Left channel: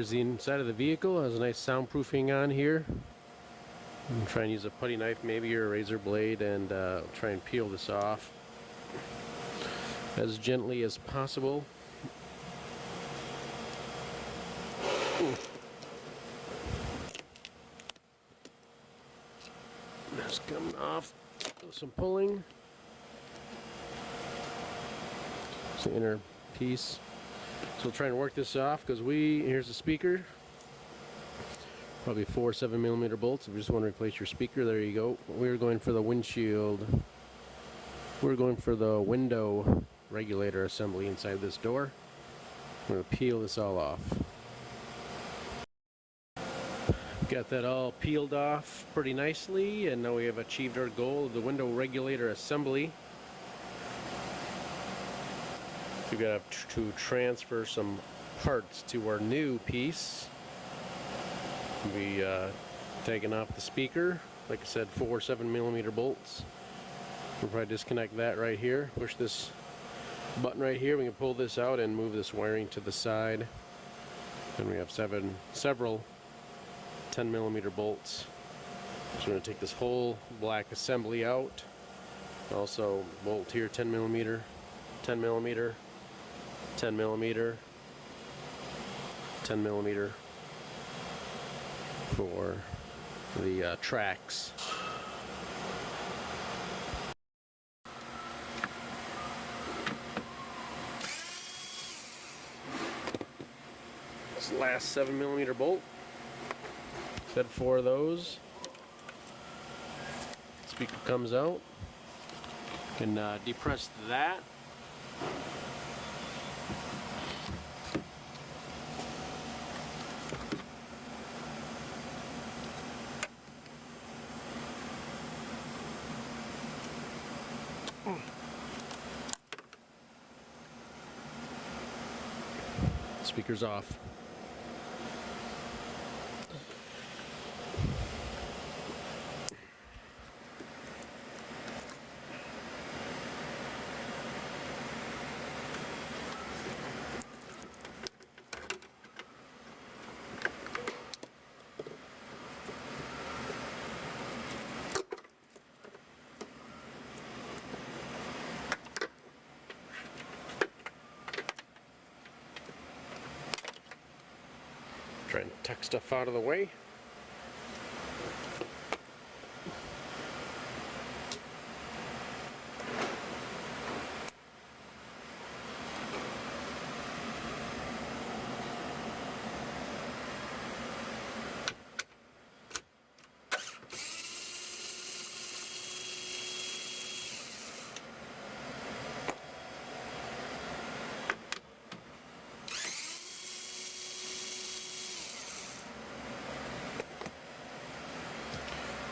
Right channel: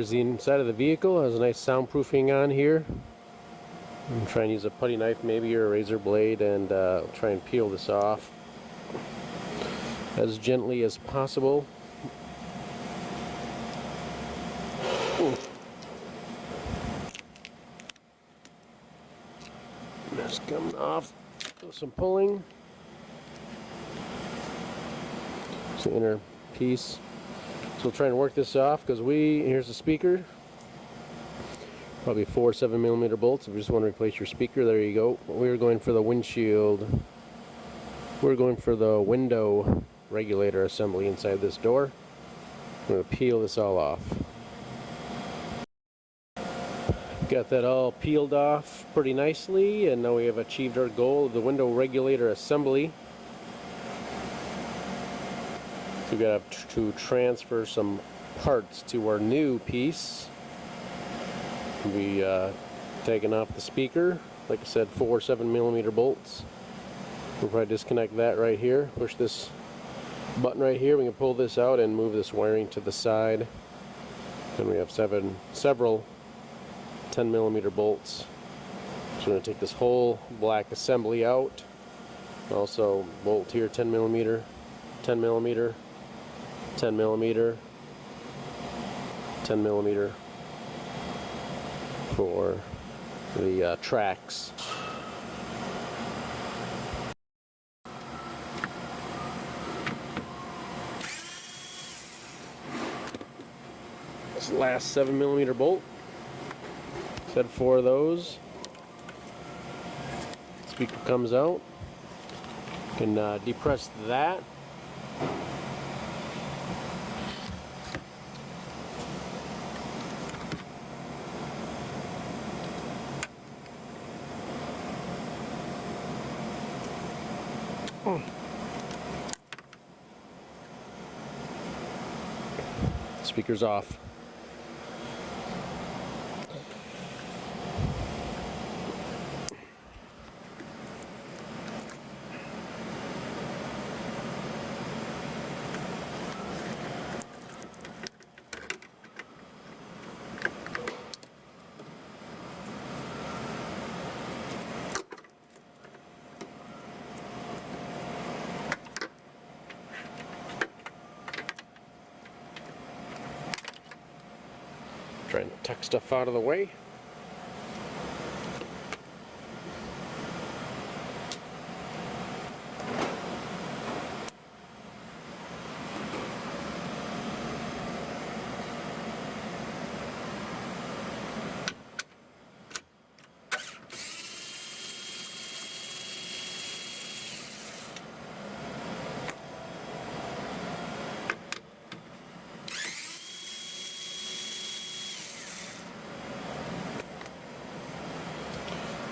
here's the inside of the vehicle. It has a nice soundproofing on here. I'm trying to use a putty knife maybe, or a razor blade, and try and peel this off as gently as possible. Just coming off with some pulling. It's the inner piece. So we'll try and work this off, because here's the speaker. Probably 4 7mm bolts. If you just want to replace your speaker, there you go. We're going for the windshield. We're going for the window regulator assembly inside this door. I'm going to peel this all off. Got that all peeled off pretty nicely, and now we have achieved our goal of the window regulator assembly. We've got to transfer some parts to our new piece. We taking off the speaker, like I said, 4 7mm bolts. We'll probably disconnect that right here. Push this button right here. We can pull this out and move this wiring to the side. Then we have several 10mm bolts. So we're going to take this whole black assembly out. Also bolt here, 10mm, 10mm, 10mm, 10mm for the tracks. This last 7mm bolt. Said 4 of those. Speaker comes out. You can depress that. Speaker's off. Try and tuck stuff out of the way.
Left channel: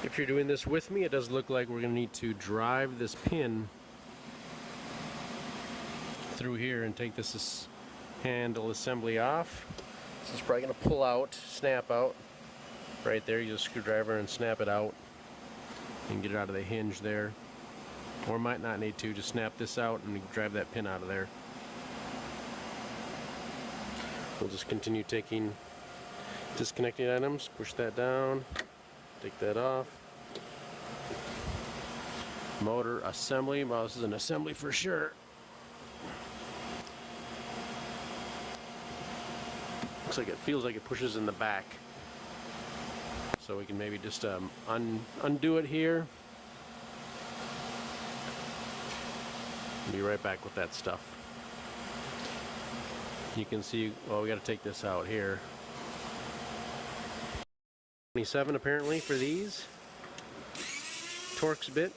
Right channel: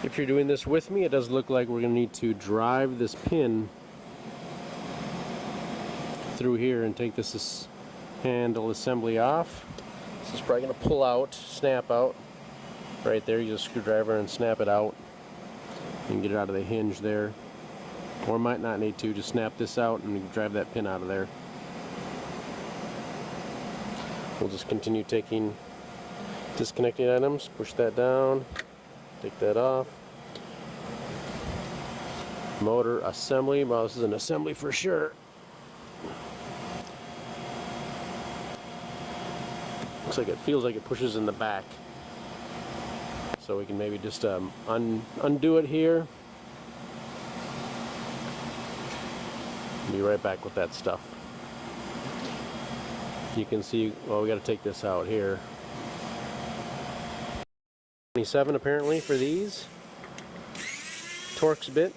If you're doing this with me, it does look like we're going to need to drive this pin through here and take this handle assembly off. This is probably going to pull out, snap out. Right there, use a screwdriver and snap it out and get it out of the hinge there. Or might not need to, just snap this out and drive that pin out of there. We'll just continue taking disconnecting items, push that down, take that off. Motor assembly. Well, this is an assembly for sure. Looks like it feels like it pushes in the back. So we can maybe just undo it here. Be right back with that stuff. You can see, well, we got to take this out here. 27 apparently for these. Torx bit.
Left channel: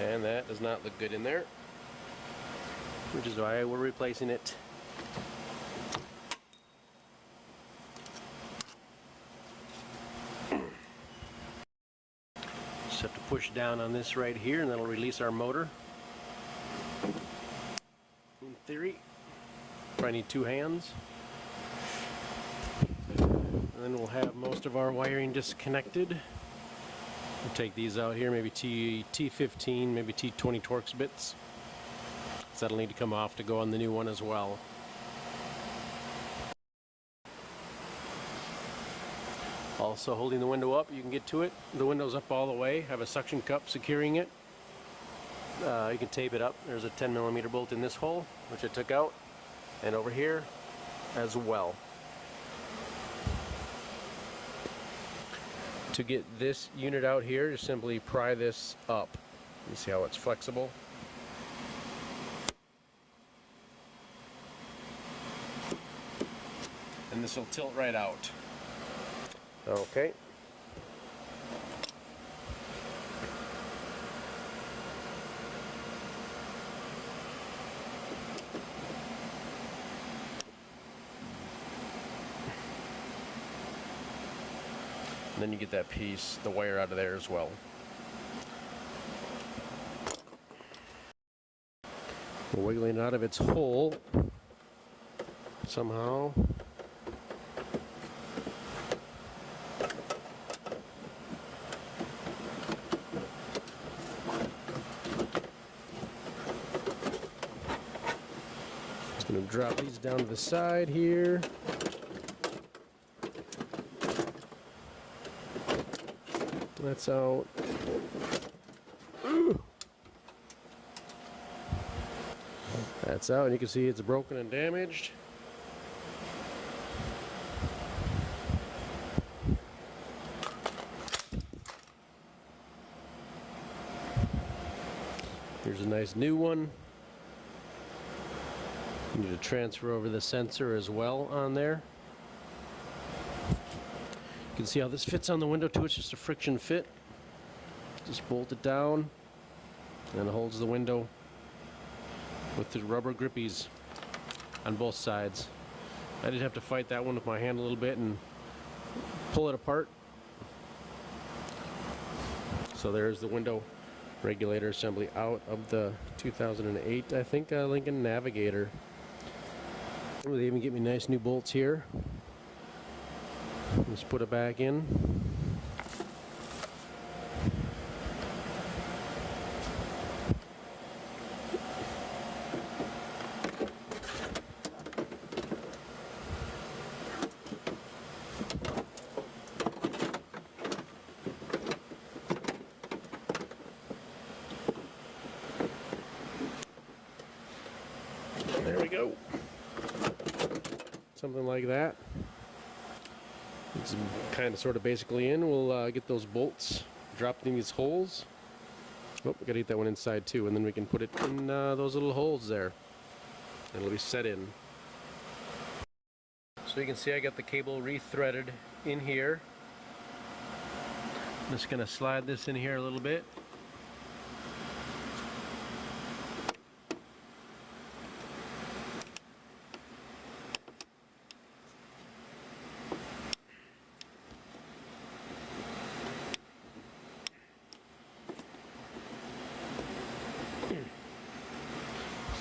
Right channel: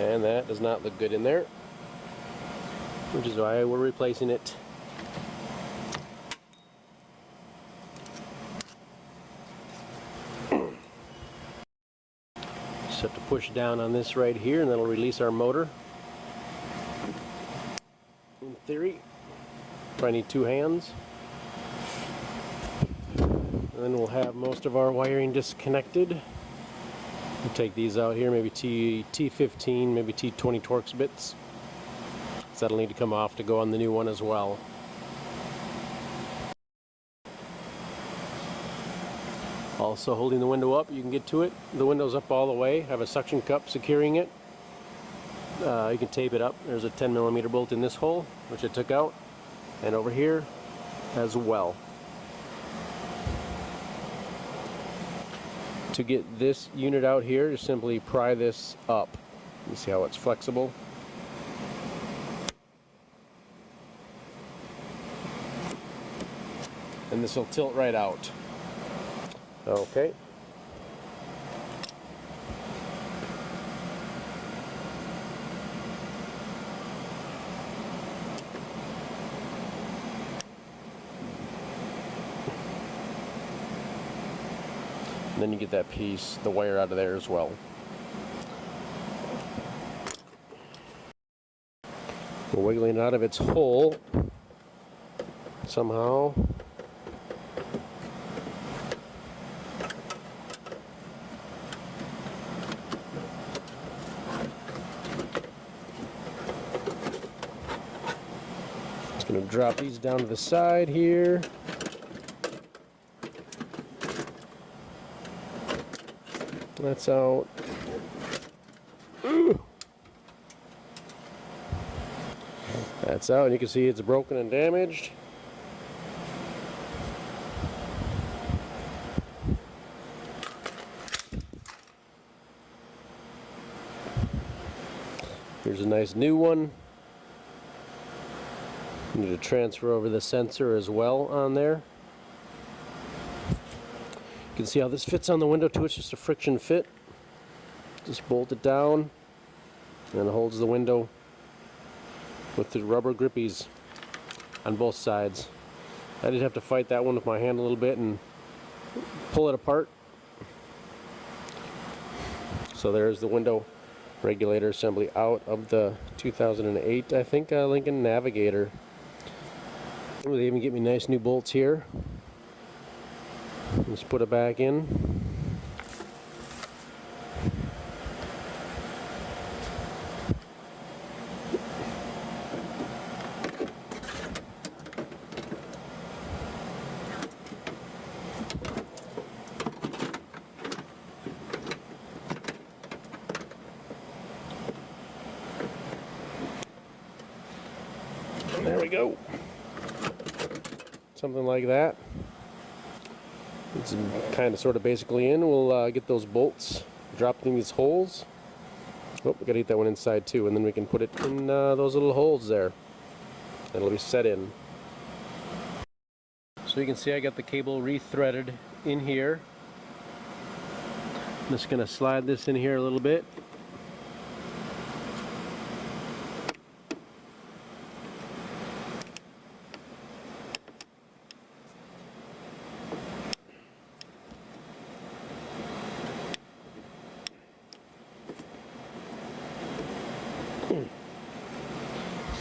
And that does not look good in there, which is why we're replacing it. Just have to push down on this right here, and that'll release our motor. theory. Probably need 2 hands. And then we'll have most of our wiring disconnected. We'll take these out here, maybe T15, maybe T20 Torx bits. So that'll need to come off to go on the new one as well. Also holding the window up, you can get to it. The window's up all the way, have a suction cup securing it. You can tape it up. There's a 10mm bolt in this hole, which I took out, and over here as well. To get this unit out here, just simply pry this up. You see how it's flexible? And this will tilt right out. Okay. And then you get that piece, the wire out of there as well. We're wiggling it out of its hole somehow. Just going to drop these down to the side here. That's out. That's out, and you can see it's broken and damaged. Here's a nice new one. You need to transfer over the sensor as well on there. You can see how this fits on the window too. It's just a friction fit. Just bolt it down and it holds the window with the rubber grippies on both sides. I did have to fight that one with my hand a little bit and pull it apart. So there's the window regulator assembly out of the 2008, I think, Lincoln Navigator. Oh, they even get me nice new bolts here. Let's put it back in. There we go. Something like that. It's kind of sort of basically in. We'll get those bolts dropped in these holes. Oh, we gotta get that one inside too, and then we can put it in those little holes there. It'll be set in. So you can see I got the cable re-threaded in here. I'm just gonna slide this in here a little bit.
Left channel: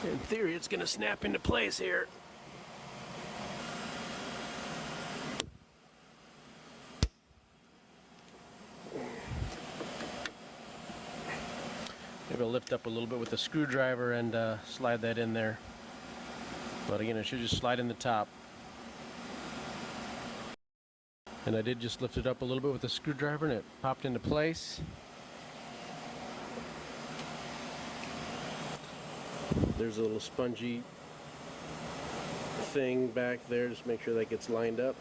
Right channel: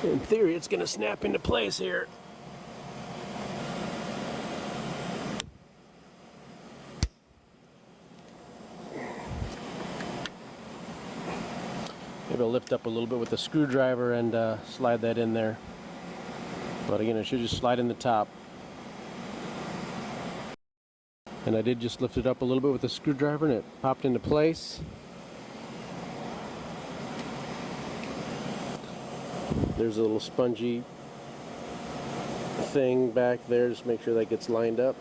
In theory, it's going to snap into place here. Maybe I'll lift up a little bit with the screwdriver and slide that in there. But again, it should just slide in the top. And I did just lift it up a little bit with the screwdriver and it popped into place. There's a little spongy thing back there. Just make sure that gets lined up.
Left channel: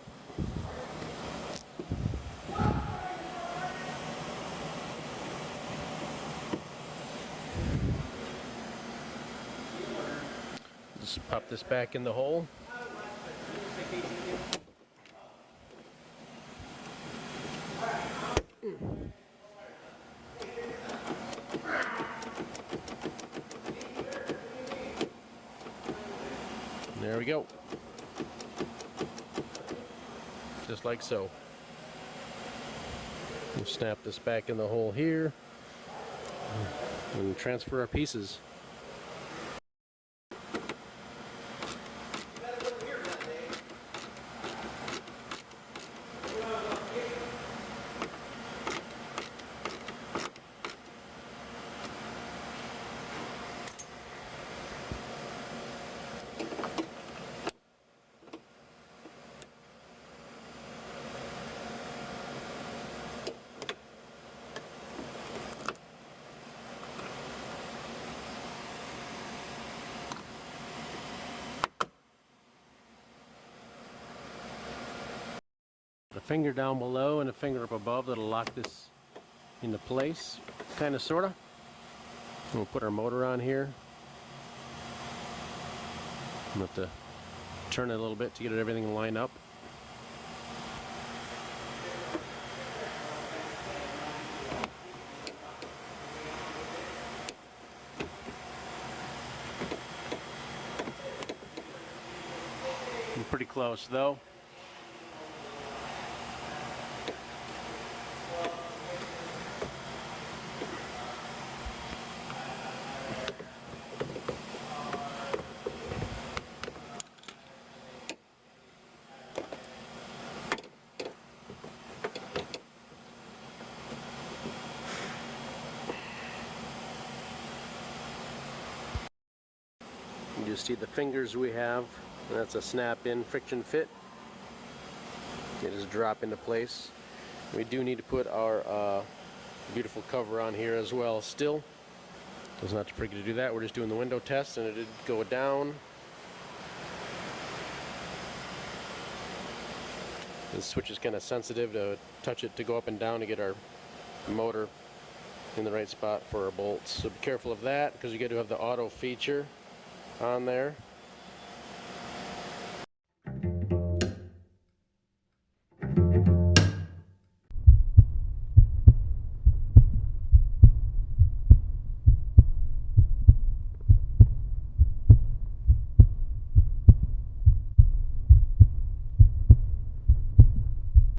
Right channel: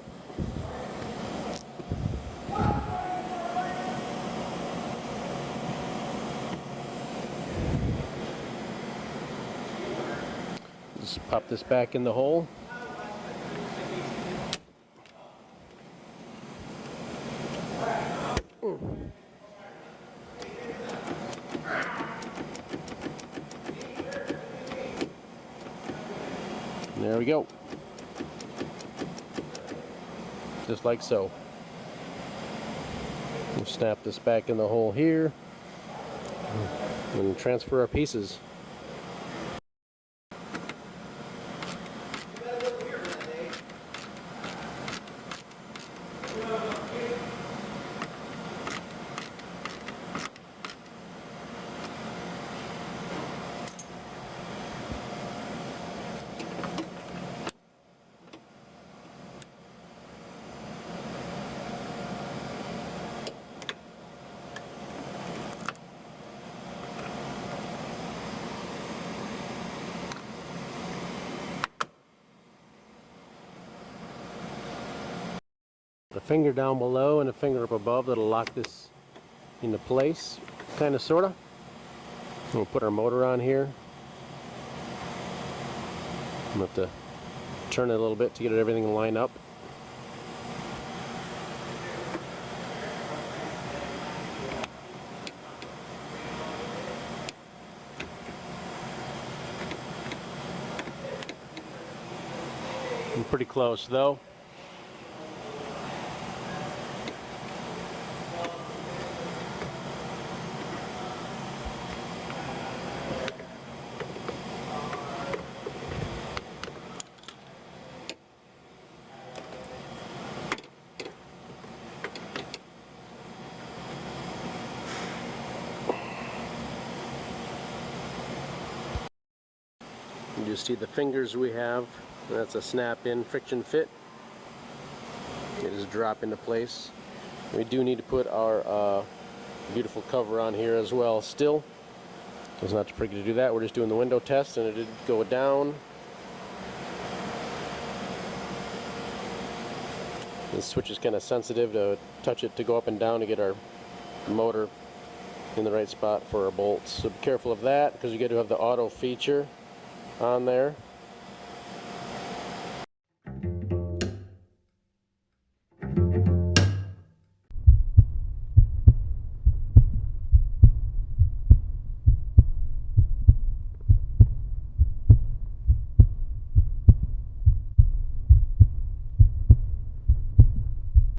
Just pop this back in the hole. There we go. Just like so. We'll snap this back in the hole here and transfer our pieces. a finger down below and a finger up above that'll lock this into place, kind of, sort of. We'll put our motor on here. I'm going to have to turn it a little bit to get everything lined up. I'm pretty close though. You see the fingers we have. That's a snap-in friction fit. It just drop into place. We do need to put our beautiful cover on here as well still. So it's not to forget to do that. We're just doing the window test and it did go down. The switch is kind of sensitive to touch it to go up and down to get our motor in the right spot for our bolts. So be careful of that because you got to have the auto feature on there.